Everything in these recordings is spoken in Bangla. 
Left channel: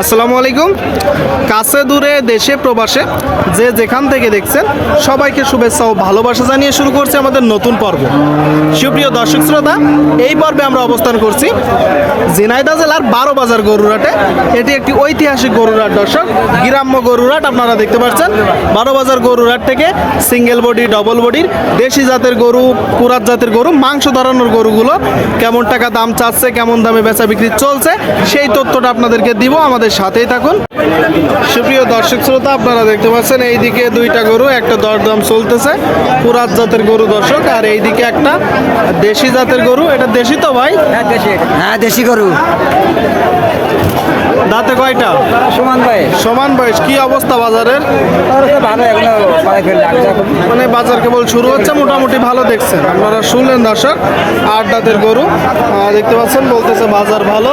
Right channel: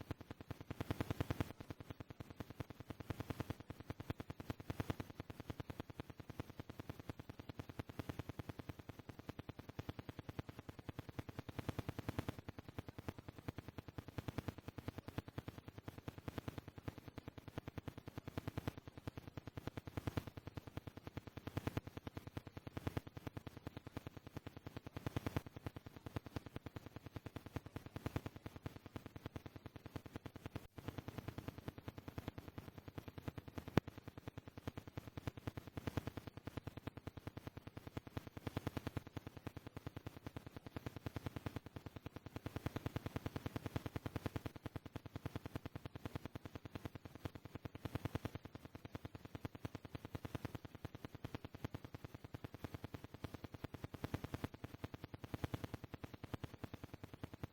আসসালামু আলাইকুম। কাছে দূরে দেশে, প্রবাসে যে যেখান থেকে দেখছেন, সবাইকে শুভেচ্ছা ও ভালোবাসা জানিয়ে শুরু করছি আমাদের নতুন পর্ব। সুপ্রিয় দর্শক শ্রোতা, এই পর্বে আমরা অবস্থান করছি ঝিনাইদহ জেলার বারো বাজার গরুরাটে এটি একটি ঐতিহাসিক গরুরাট দর্শক। গ্রাম্য গরুরাট আপনারা দেখতে পাচ্ছেন। বারো বাজার গরুরাট থেকে সিঙ্গেল বডি ডবল বডির, দেশি জাতের গরু কুরাত জাতের গরু, মাংস ধরানোর গরুগুলো কেমন টাকা দাম চাচ্ছে, কেমন দামে বেচা বিক্রি চলছে, সেই তথ্যটা আপনাদেরকে দিব আমাদের সাথেই থাকুন। সুপ্রিয় দর্শক শ্রোতা, আপনারা দেখতে পাচ্ছেন, এইদিকে দুইটা গরু, একটা দরদাম চলতেছে, পুরাত জাতের গরু দর্শক, আর এইদিকে একটা দেশি জাতের গরু। এটা দেশি তো ভাই? হ্যাঁ দেশি গরু। দাঁতে কয়টা? সুমান ভাই। সমান বয়স। কি অবস্থা বাজারের? ভালো এগুলো মানে বাজার কেবল শুরু হচ্ছে মোটামুটি ভালো দেখছেন। আপনারা শুনলেন দর্শক আট দাঁতের গরু। আহ, দেখতে পাচ্ছেন বলতেছে বাজার ভালো।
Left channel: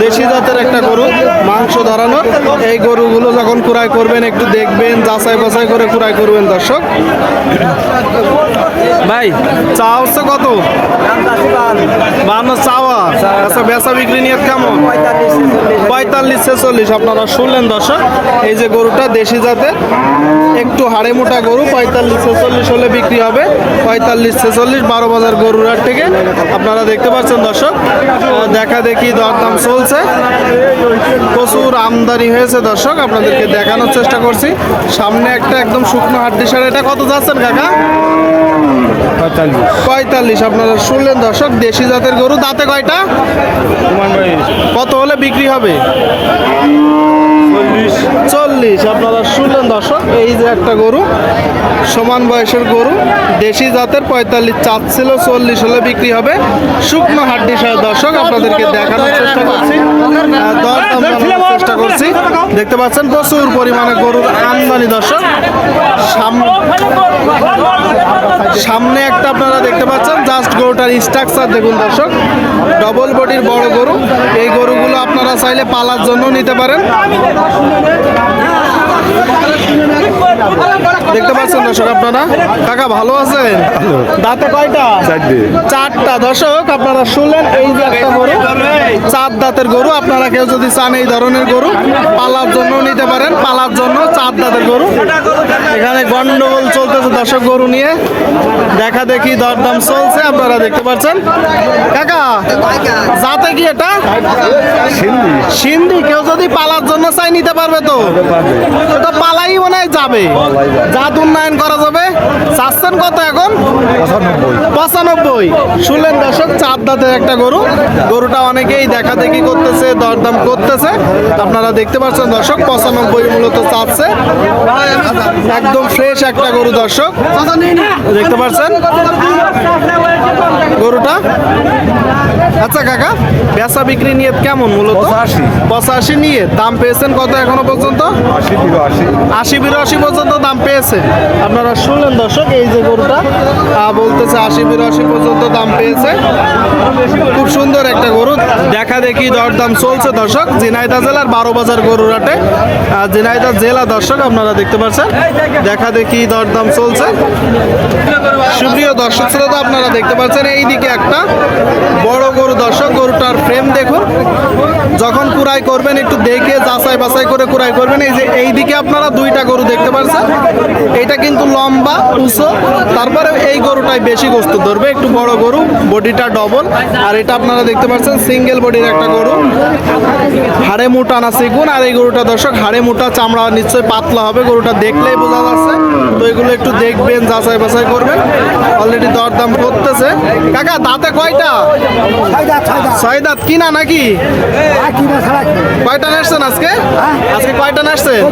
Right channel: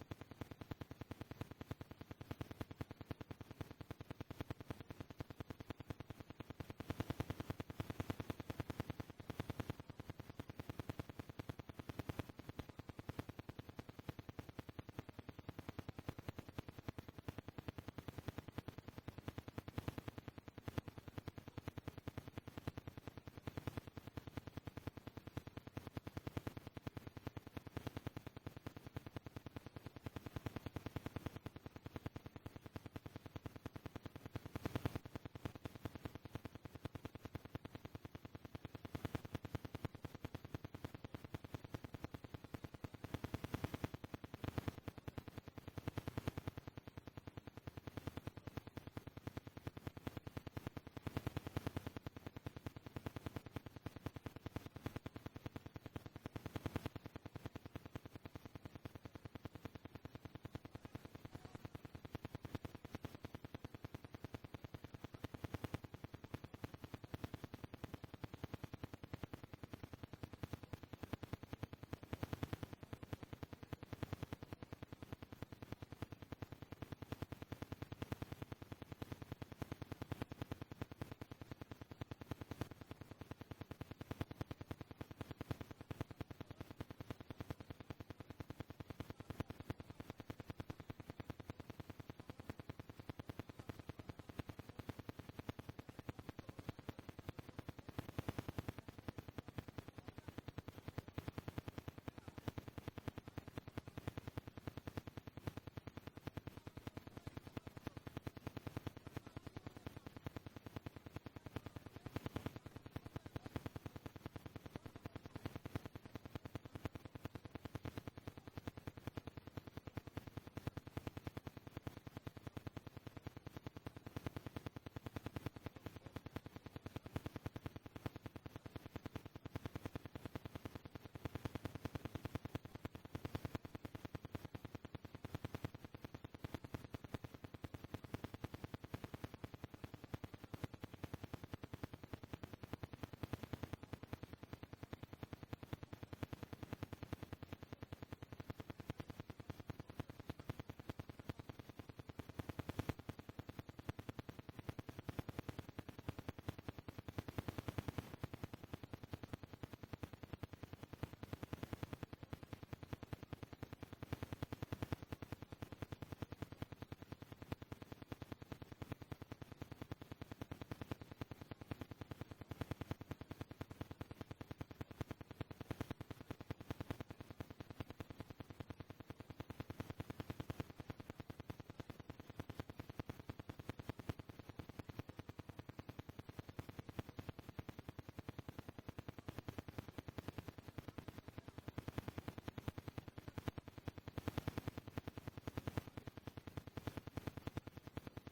দেশি জাতের একটা গরু মাংস ধরানো। এই গরুগুলো যখন কুড়াই করবেন একটু দেখবেন যাচাই বাছাই করে কুড়াই করবেন দর্শক। ভাই। চা হচ্ছে কত? বান্ন চাওয়া। আচ্ছা বেচা বিক্রি নিয়ে কেমন? পঁয়তাল্লিশ, ছেচল্লিশ। আপনারা শুনলেন দর্শক, এই যে গরুটা দেশি জাতের, একটু হাড়ে মোটা গরু, পঁয়তাল্লিশ, ছেচল্লিশ হলে বিক্রি হবে। পঁয়তাল্লিশ, ছেচল্লিশ, বারো বাজার গরুর হাট থেকে। আপনারা দেখতে পাচ্ছেন দর্শক দেখা দেখি দরদাম চলছে। প্রচুর আমদানি হয়েছে দর্শক, আপনাদেরকে দেখানোর চেষ্টা করছি। সামনে একটা একদম শুকনো হাড্ডি সার এটা কত যাচ্ছেন কাকা? পঁয়তাল্লিশ। আপনারা শুনলেন দর্শক দেশি জাতের গরু দাঁতে কয়টা? কত হলে বিক্রি হবে? চল্লিশ। আপনারা শুনলেন দর্শক এই যে একটা গরু সমান বয়সের গরু দেশি জাতের পঁয়তাল্লিশ চাচ্ছিল চল্লিশ হলে বিক্রি হবে। শুকনো হাড্ডি সহ দর্শক আপনাদেরকে দেখানোর চেষ্টা করছি। দরদাম চেষ্টা করছি দেখতে পাচ্ছেন, প্রচুর পরিমাণে গরুর আমদানি দর্শক। সাম- সামনে একটা আপনারা দেখতে পাচ্ছেন জাস্ট গরুটার স্ট্রাকচার দেখুন দর্শক। ডবল বডির বড় গরু। এই গরুগুলো আপনারা চাইলে পালার জন্য নিতে পারেন। দেখতে পাচ্ছেন দর্শক আপনারা? কাকা ভালো আছেন? দাঁতে কয়টা? চারটা। দর্শক আপনারা শুনলেন এই যে একটা গরু। চার দাঁতের গরু। আপনারা কেউ যদি চান এই ধরনের গরু পালার জন্য নিতে পারেন। পালার জন্য চার দাঁতের গরু। এখানে গন্ডগোল চলতেছে দর্শক গরু নিয়ে। দেখা দেখি দরদাম চলছে আপনারা দেখতে পাচ্ছেন। কাকা যাতে কি এটা? সিন্ধি। কেউ যদি পালার জন্য চাই নিতে পারবে তো? হয় যাবে। জাত উন্নয়ন করা যাবে। চাচ্ছেন কত এখন? পঁচানব্বই। শুনলেন দর্শক চার দাঁতের একটা গরু। গরুটা অনেকেই দেখা দেখি করতেছে, দরদাম করতেছে। আপনারা দেখতে পাচ্ছেন দর্শক, পঁচানব্বই মূলত চাচ্ছে। একদম ফ্রেশ একটা গরু দর্শক। দেখতে পাচ্ছেন গরুটা। আচ্ছা কাকা বেচা বিক্রি নিয়ে কেমন মূলত? পঁচাশি। পঁচাশি নিয়ে দাম পেয়েছেন কত এখনও পর্যন্ত? আশি কিলো আশি বিরাশি পর্যন্ত দাম পেয়েছে। আপনারা শুনলেন দর্শক এই যে গরুটা বলতেছে আশি বিরাশি পর্যন্ত দাম পেয়েছে। খুব সুন্দর একটা গরু। দেখা দেখি দরদাম চলছে দর্শক। জিনাইদা জেলার বারো বাজার গরুর হাটে। আহ, ঝিনাইদহ জেলা দর্শক আপনারা দেখতে পাচ্ছেন। দেখা দেখি দরদাম চলছে। সুপ্রিয় দর্শক শ্রোতা আপনারা দেখতে পাচ্ছেন এইদিকে একটা বড় গরু দর্শক গরুটার ফ্রেম দেখুন। যখন কুড়াই করবেন একটু দেখে যাচাই বাছাই করে কুড়াই করবেন। এই যে এইদিকে আপনারা দুইটা গরু দেখতে পাচ্ছেন এটা কিন্তু লম্বা উঁচু। তারপরে এই গরুটাই বেশি গোস্ত ধরবে একটু বড় গরু বডিটা ডবল আর এটা আপনারা দেখতে পাচ্ছেন সিঙ্গেল বডির একটা গরু। হাড়ে মোটা না সিগুন আর এই গরুটা দর্শক হাড়ে মোটা চামড়া নিশ্চয়ই পাতলা হবে গরুটা দেখলেই বোঝা যাচ্ছে। তো এগুলো একটু দেখবেন যাচাই বাছাই করবেন। অলরেডি দরদাম করতেছে। কাকা দাঁতে কয়টা? ছয় দাঁত কিনা নাকি? কয়টা আসছেন আজকে? আজকে কয়টা নাচছেন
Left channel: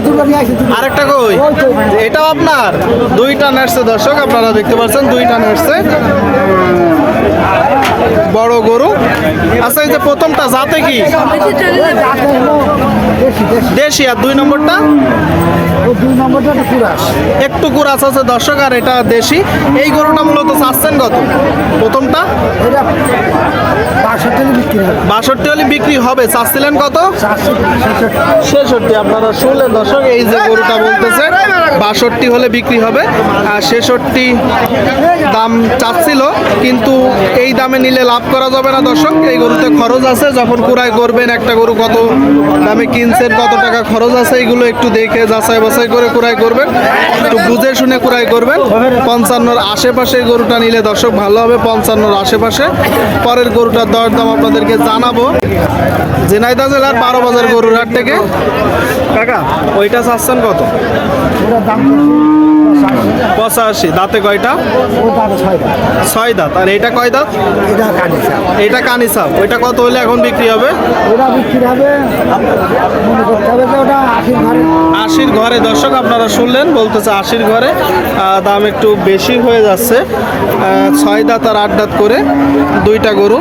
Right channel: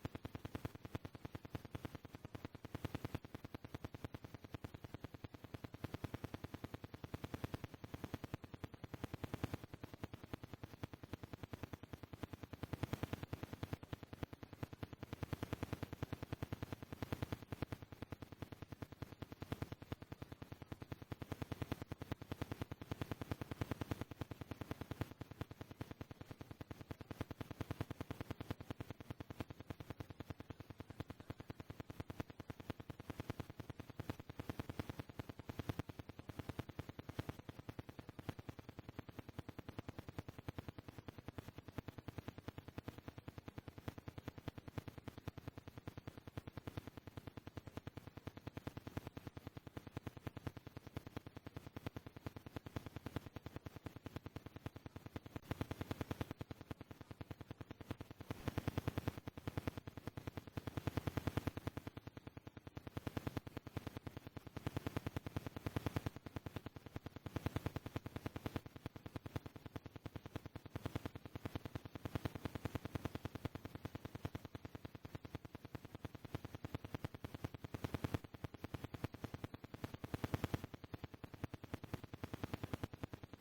আরেকটা কই? এটাও আপনার? দুইটা আসছে দর্শক আপনারা দেখতে পাচ্ছেন দুইটা আসছে। বড় গরু। আচ্ছা এই যে প্রথমটা জাতে কি? দেশি আর দুই নম্বরটা? দুই নম্বরটা একটা কুরাস। একটু কুরাস আছে দর্শক আর এটা দেশি। এই গরুটা মূলত চাচ্ছেন কত? প্রথমটা? এটা বাষট্টি হলে বিক্রি হবে। চাচ্ছিলেন কত? ছেষট্টি। আপনারা শুনলেন দর্শক এই যে গরুটা বলতেছে বাষট্টি হলে বিক্রি হবে। আর ছেষট্টি দাম চাচ্ছিল কিন্তু এই দামে নিলে লাভ করা যাবে না দর্শক। এই গরুতে খরচ আছে যখন কুড়াই করবেন একটা গরু কত দামে কিনছেন কত টাকা খরচ আছে এগুলো একটু দেখে যাচাই বাছাই করে ক্রয় করবেন। একটু বুঝে শুনে ক্রয় করবেন। পঞ্চান্নর আশেপাশে গরুটা নিলে দর্শক ভালো হবে, পঞ্চান্নর আশেপাশে। পরের গরুটার দর দাম আপনাদেরকে জানাব। ঝিনাইদহ জেলার বারো বাজার গরুর হাট থেকে। কাকা, ওইটা চাচ্ছেন কত? পঁচাশি, দাঁতে কয়টা? ছয় দাঁত। আর এইটা কয় দাঁত? এটা কানি সাপ ওইটা কত হলে এখন বিক্রি হবে? আশির ঘরে। দর্শক, আপনারা শুনলেন, বলতেছে আশির ঘরে দাম একটু বেশি হয়ে যাচ্ছে। ছয় দাঁত আর আট দাঁত করে দুইটা গরু।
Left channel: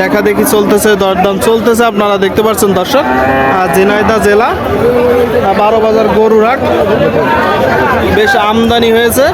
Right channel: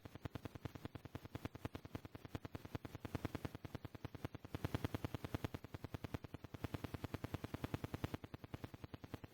দেখা দেখি চলতেছে, দরদাম চলতেছে। আপনারা দেখতে পাচ্ছেন, দর্শক আর ঝিনাইদহ জেলা বারো বাজার গরুর হাট। বেশ আমদানি হয়েছে।